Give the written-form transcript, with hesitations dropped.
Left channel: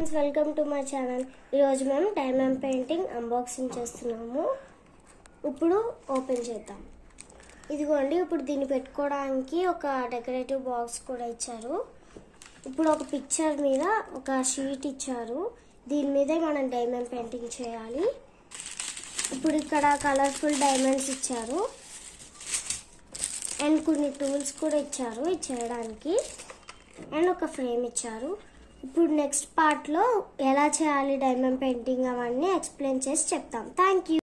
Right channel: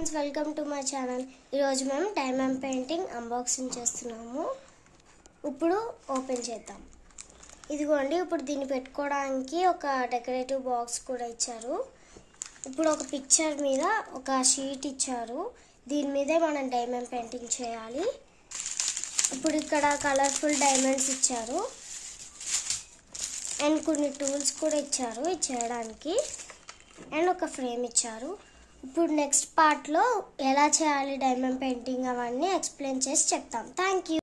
Friends, welcome to my channel. ఈరోజు మేము diamond painting unboxing చేస్తున్నాము. ఇప్పుడు ఓపెన్ చేద్దాం. ఇదిగోండి, ఇప్పుడు దీన్ని పెట్టుకోవడానికి ఒక డెకరేటివ్ బాక్స్ కూడా ఇచ్చారు. ఇప్పుడు ఒక పిక్చర్ మీద ఒక షీట్ ఇచ్చారు. దీని మీదే మనం డైమండ్ పెయింటింగ్ చేయాలి. ఇప్పుడు ఇక్కడ కలర్ఫుల్ డైమండ్స్ ఇచ్చారు అండ్ కొన్ని టూల్స్ కూడా ఇచ్చారు ఇది చేయడానికి అండ్ ఒక ఫ్రేమ్ ఇచ్చారు. ఇప్పుడు నెక్స్ట్ పార్ట్లో ఎలా చేయాలి డైమండ్ పెయింటింగ్ అవన్నీ ఎక్స్ప్లెయిన్ చేసి చెప్తాం. Thank you.